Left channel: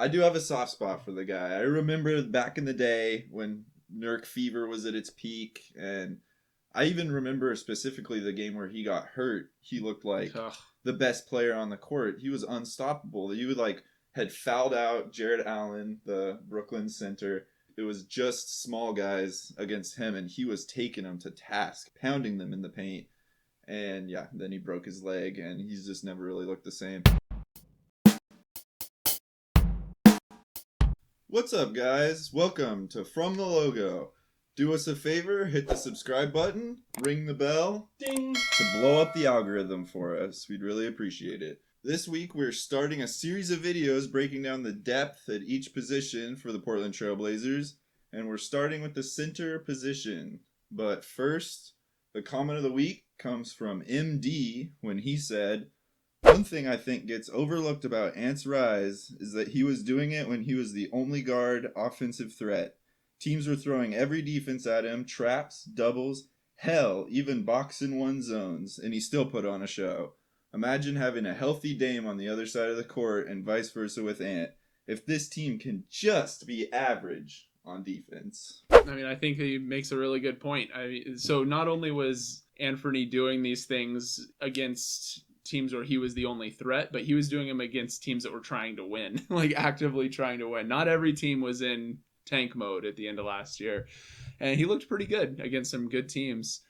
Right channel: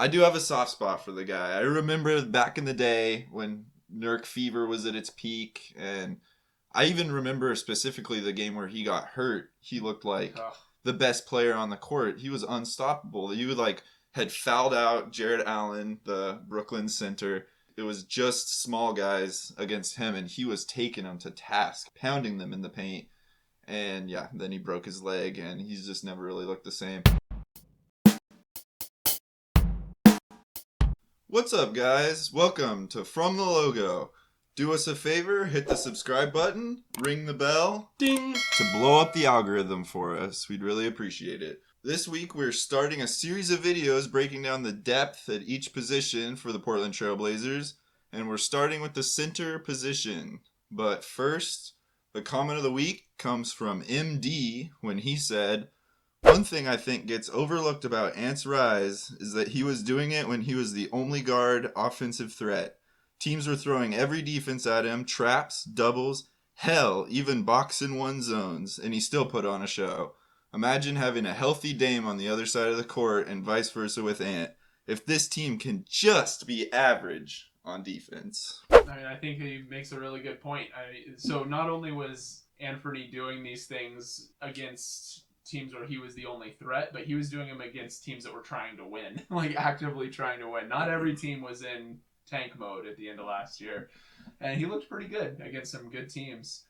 I do have a soft spot for the guy. I remember back in the day when Nurk fever was at its peak, and I even remember specifically the game where he got hurt. He looked like the best player on the court. He was unstoppable. He would had fouled out Jared Allen, the Brooklyn center. It was just small guys against him, and he was taking them to task, pounding them in the paint. And yeah, then he broke his leg, and he's just never really looked the same. What's up, guys? Welcome to From the Logo. Do us a favor, hit the subscribe button, ring the bell, ding, to blow up the algorithm for us. We'd really appreciate it. This week, we're starting a series of videos breaking down the depth at each position for the Portland Trail Blazers, and we're starting with the center position. But first, the comment of the week comes from MD when he said, "One thing I think gets overlooked about Ant's rise is that he was doing it when he was the only guard offensive threat. Teams were throwing every defense at him, traps, doubles, hell, even box and one zones, and he still put on a show. Imagine having a healthy Dame on the other side of the court and vice versa with Ant. If this team can just be average on defense." I think he makes a really good point. So not only was Anthony doing these things against teams where he was the only threat, but he was doing them against teams that were trying to win, actively trying to win. Not every team was in tank mode at the end of last year, and he looked pretty good against some good teams.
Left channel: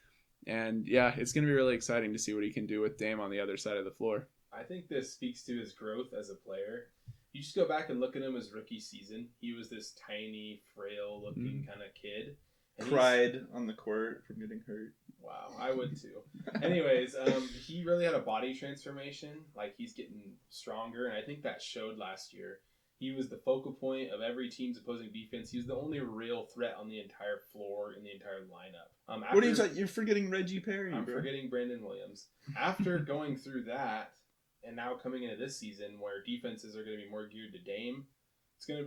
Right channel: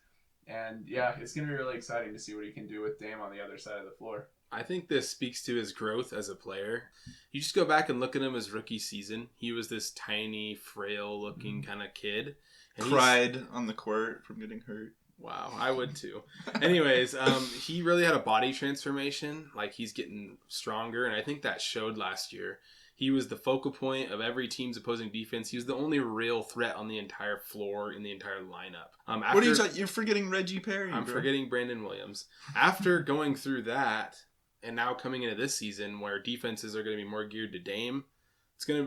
And yeah, it's going to be really exciting to see what he can do with Dame on the other side of the floor. I think this speaks to his growth as a player. You just go back and look at him his rookie season. He was this tiny, frail-looking kind of kid. And cried on the court from getting hurt. Wow, I would too. Anyways, he really had a body transformation. He's getting stronger, and I think that showed last year. He was the focal point of every team's opposing defense. He was the only real threat on the entire floor in the entire lineup. What are you talking? You're forgetting Reggie Perry. I'm forgetting Brandon Williams. After going through that, and now coming into this season where defenses are going to be more geared to Dame, he's going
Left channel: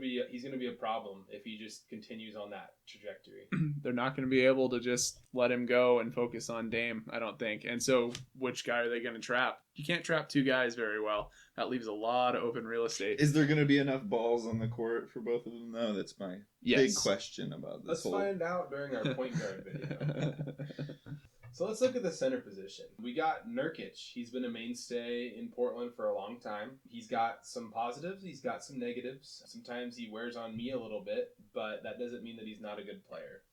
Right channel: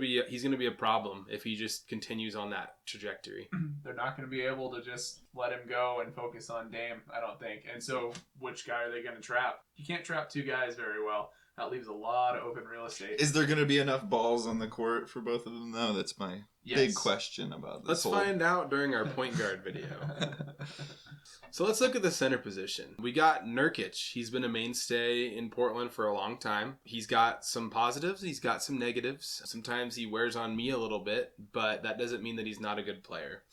to be a problem if he just continues on that trajectory. They're not going to be able to just let him go and focus on Dame, I don't think. And so which guy are they going to trap? You can't trap two guys very well. That leaves a lot of open real estate. Is there going to be enough balls on the court for both of them, though? That's my big question about this. Let's find out during our point guard video. So let's look at the center position. We got Nurkic. He's been a mainstay in Portland for a long time. He's got some positives. He's got some negatives. Sometimes he wears on me a little bit, but that doesn't mean that he's not a good player.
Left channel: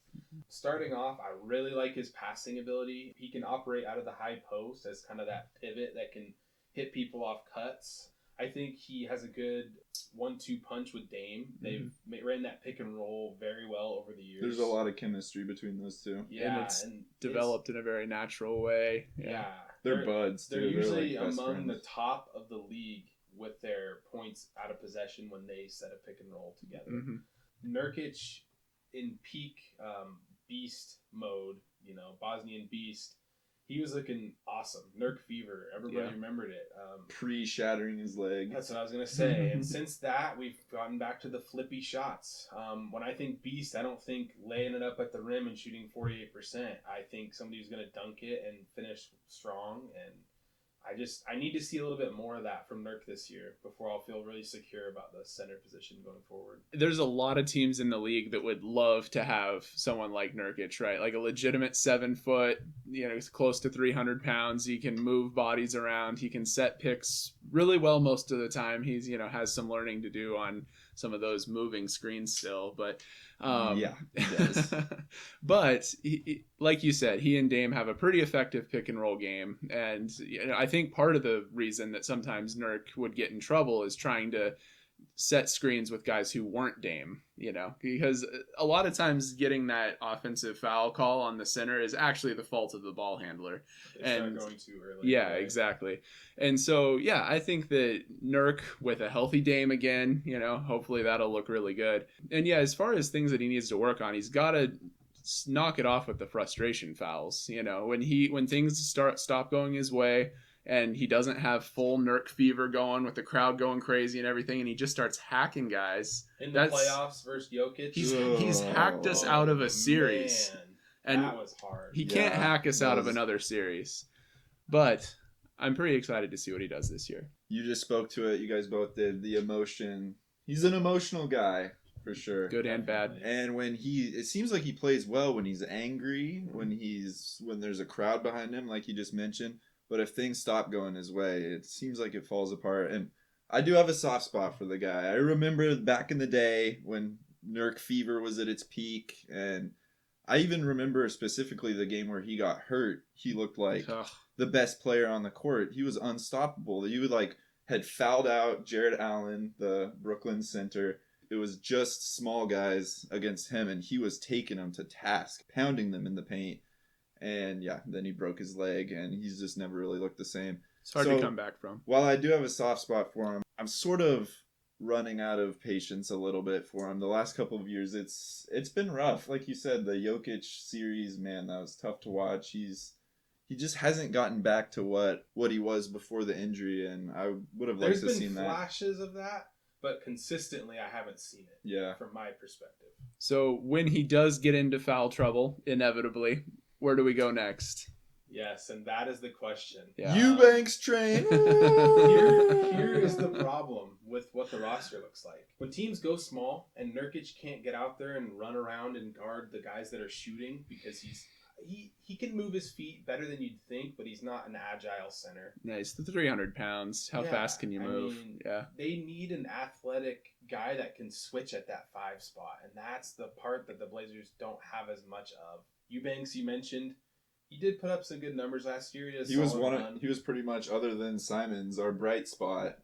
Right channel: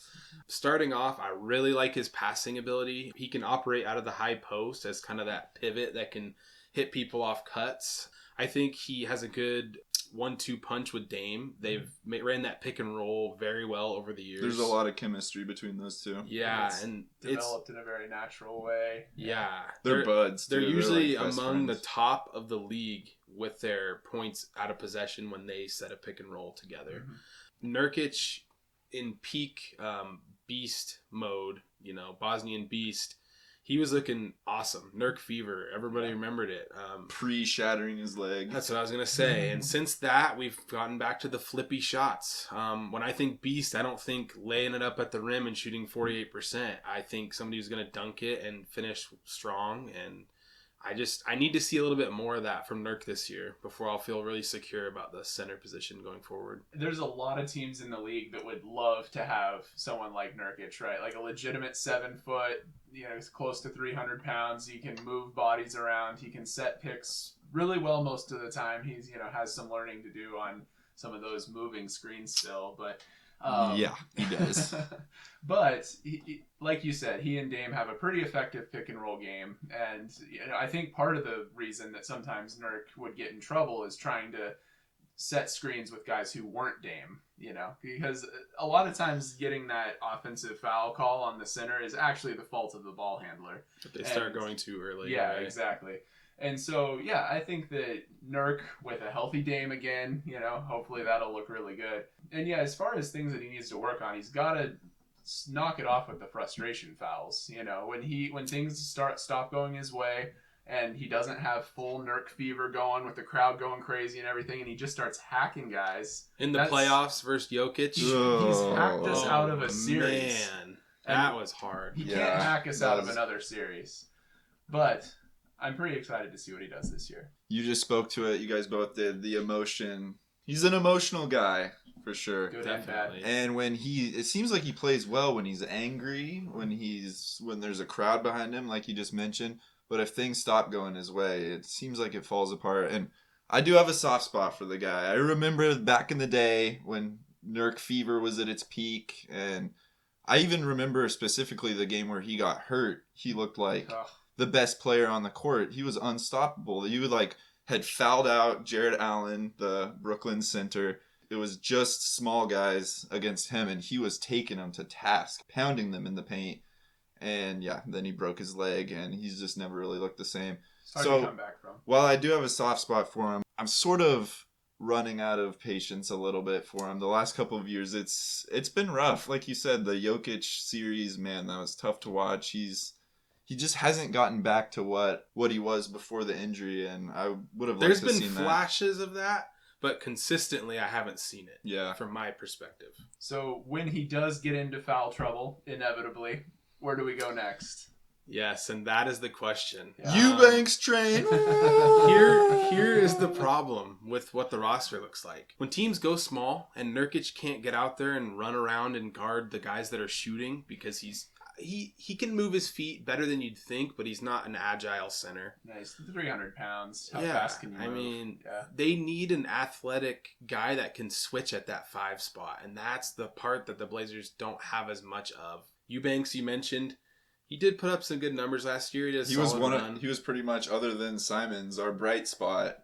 Starting off, I really like his passing ability. He can operate out of the high post as kind of that pivot that can hit people off cuts. I think he has a good 1-2 punch with Dame. They've ran that pick and roll very well over the years. There's a lot of chemistry between those two. Yeah, and developed in a very natural way. Yeah. They're buds, too. They're usually among the top of the league with their points out of possession when they set a pick and roll together. Mm-hmm. Nurkic in peak beast mode, Bosnian beast, he was looking awesome. Nurk fever. Everybody remembered it. Pre-shattering his leg. That's what I was going to say. And since that, we've gotten back to the flippy shots. When I think beast, I don't think laying it up at the rim and shooting 48%. I think somebody who's going to dunk it and finish strong. And I need to see a little bit more of that from Nurk this year before I'll feel really secure about the center position going forward. There's a lot of teams in the league that would love to have someone like Nurkic, right? Like a legitimate 7 foot, he's close to 300 pounds. He can move bodies around. He can set picks really well most of the time. He's, has some learning to do on some of those moving screens still, but yeah, he does. But like you said, he and Dame have a pretty effective pick and roll game, and I think part of the reason that sometimes Nurk would get in trouble is trying to set screens with guys who weren't Dame, because a lot of times getting that offensive foul call on the center is actually the fault of the ball handler. But they start going too early. Yeah, right? Exactly. And so, yeah, I think that Nurk with a healthy Dame again, hopefully that'll look really good. And yeah, as far as things that he needs to work on, he's got to knock it off with the frustration fouls. When things stop going his way, and he doesn't have full Nurk fever going with the crowd going crazy and everything, and he just starts hacking guys. In the playoffs versus Jokic? He's hacked us out of a series. Man, that was hard. He can't hack us out of another series. But I'm pretty excited to see what he does this year. You just spoke to it. You guys both did. The emotion He's an emotional guy for sure. Good and bad. Definitely. And when it seems like he plays well when he's angry, when there's a crowd behind him, like you just mentioned. But if things stop going his way, it seems like it falls apart. And I do have a soft spot for the guy. I remember back in the day when Nurk fever was at its peak, and I even remember specifically the game where he got hurt. He looked like Ugh. the best player on the court. He was unstoppable. You had fouled out Jared Allen, the Brooklyn center. It was just small guys against him, and he was taking them to task, pounding them in the paint. And yeah, then he broke his leg, and he's just never really looked the same. It's hard to come back from. While I do have a soft spot for him, I'm sort of running out of patience a little bit for him. The last couple of years, it's been rough. Like you said, the Jokic series, man, that was tough to watch. He just hasn't gotten back to what he was before the injury, and I would have liked to have seen that. There's been flashes of that, but consistently I haven't seen it. Yeah. From my perspective. So when he does get into foul trouble, inevitably, where do we go next? Yes, and that is the question. Yeah. Eubanks train. Here is the problem with what the roster looks like. When teams go small and Nurkic can't get out there and run around and guard the guys that are shooting because he can move his feet better than you'd think, but he's not an agile center. Nice. 300 pounds. How Yeah, fast can you move? I mean, yeah. they need an athletic guy that can switch at that 5 spot, and that's the part that the Blazers don't have as much of. Eubanks, you mentioned, he did put up some good numbers last year. He was pretty much, other than Simons, our bright spot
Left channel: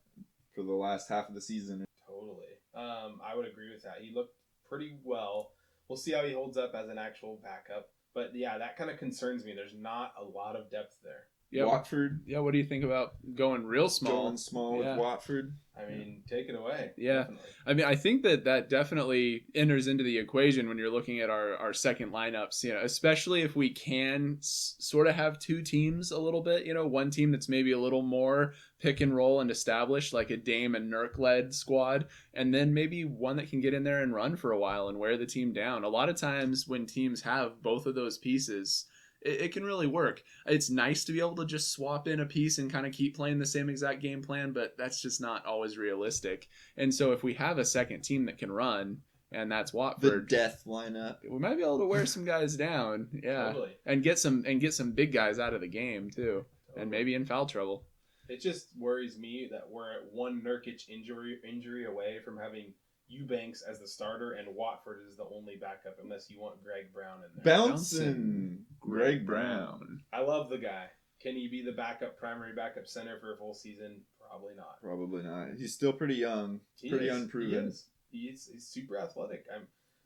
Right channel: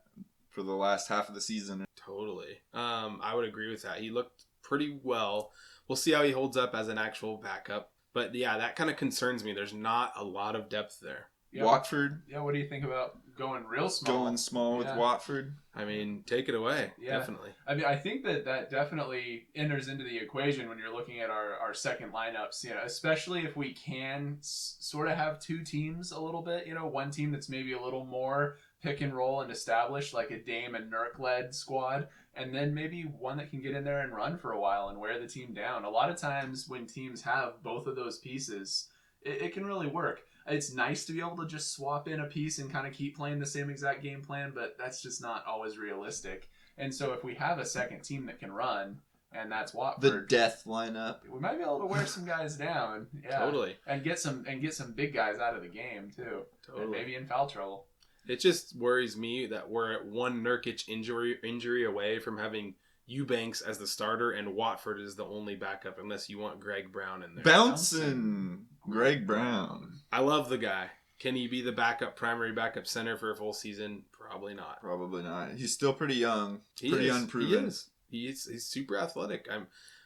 for the last half of the season. Totally. I would agree with that. He looked pretty well. We'll see how he holds up as an actual backup. But yeah, that kind of concerns me. There's not a lot of depth there. Yeah, Watford. Yeah, what do you think about going real small? Going small with Watford. I mean, take it away. Yeah. Definitely. I mean, I think that definitely enters into the equation when you're looking at our second lineups, especially if we can sort of have two teams a little bit, one team that's maybe a little more pick and roll and established, like a Dame and Nurk led squad, and then maybe one that can get in there and run for a while and wear the team down. A lot of times when teams have both of those pieces, it can really work. It's nice to be able to just swap in a piece and kind of keep playing the same exact game plan, but that's just not always realistic. And so if we have a second team that can run, and that's Watford, the death lineup, we might be able to wear some guys down. Yeah, Totally. And get some big guys out of the game too, Totally. and maybe in foul trouble. It just worries me that we're at one Nurkic injury away from having Eubanks as the starter and Watford is the only backup, unless you want Greg Brown in there. Bouncing Greg Brown. I love the guy. Can he be the primary backup center for a full season? Probably not. Probably not. He's still pretty young. Pretty unproven. He's super athletic.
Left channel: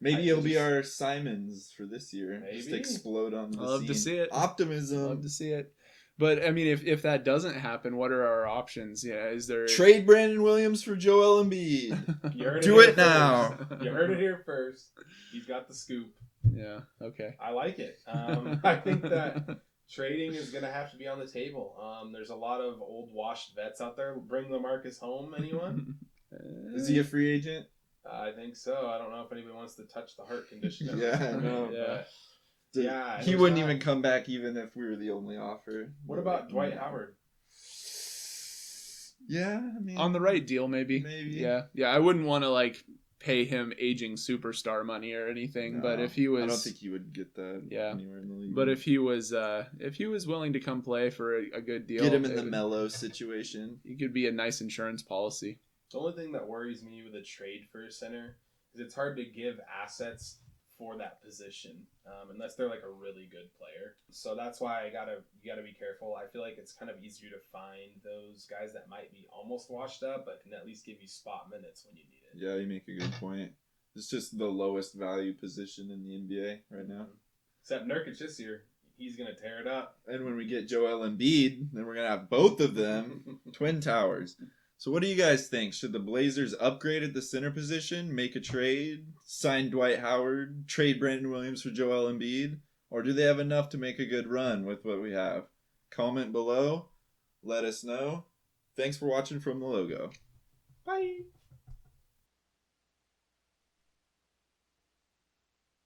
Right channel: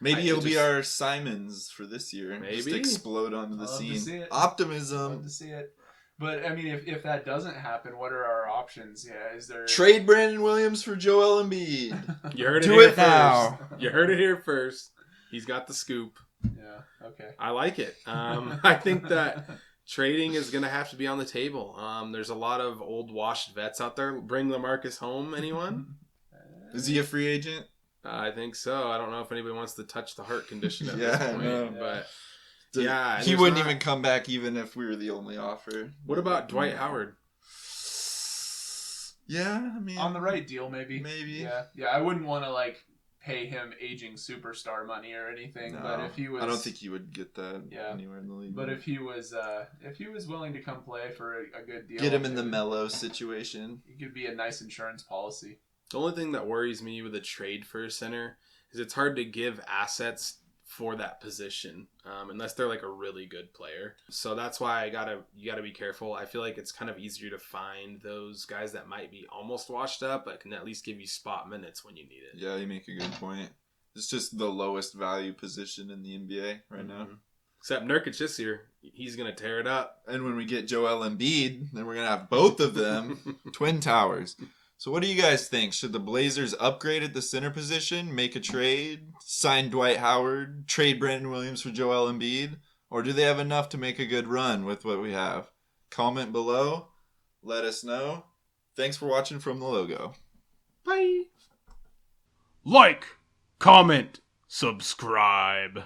Maybe he'll be our Simons for this year. Maybe. Just explode onto the Love scene. to see it. Optimism. Love to see it. But I mean, if that doesn't happen, what are our options? Yeah, is there Trade Brandon Williams for Joel Embiid? You heard Do here it now. First. You heard it here first. He's got the scoop. Yeah. Okay. I like it. I think that trading is going to have to be on the table. There's a lot of old washed vets out there. Bring LaMarcus home, anyone? Is he a free agent? I think so. I don't know if anybody wants to touch the heart condition at Yeah, this I point. know. But Yeah, he there's wouldn't not- even come back even if we were the only offer. What about Dwight Howard? Yeah, I mean, On the right deal, maybe. Maybe. Yeah. Yeah. I wouldn't want to pay him aging superstar money or anything. No, But if he was, I don't think he would get that Yeah. anywhere in the league. But if he was willing to come play for a good deal, get him in the Mellow situation. He could be a nice insurance policy. The only thing that worries me with a trade for a center is it's hard to give assets for that position unless they're like a really good player. So that's why you gotta be careful. I feel like it's kind of easier to find those guys that might be almost washed up but can at least give you spot minutes when you need it. Yeah, you make a good point. It's just the lowest value position in the NBA right now. Except Nurkic this year, he's gonna tear it up. And when we get Joel Embiid, then we're gonna have both of them, twin towers. So what do you guys think? Should the Blazers upgrade at the center position, make a trade, sign Dwight Howard, trade Brandon Williams for Joel Embiid? Or do they have enough to make a good run with what we have? Comment below. Let us know. Thanks for watching From the Logo. Bye. Like, comment, subscribe.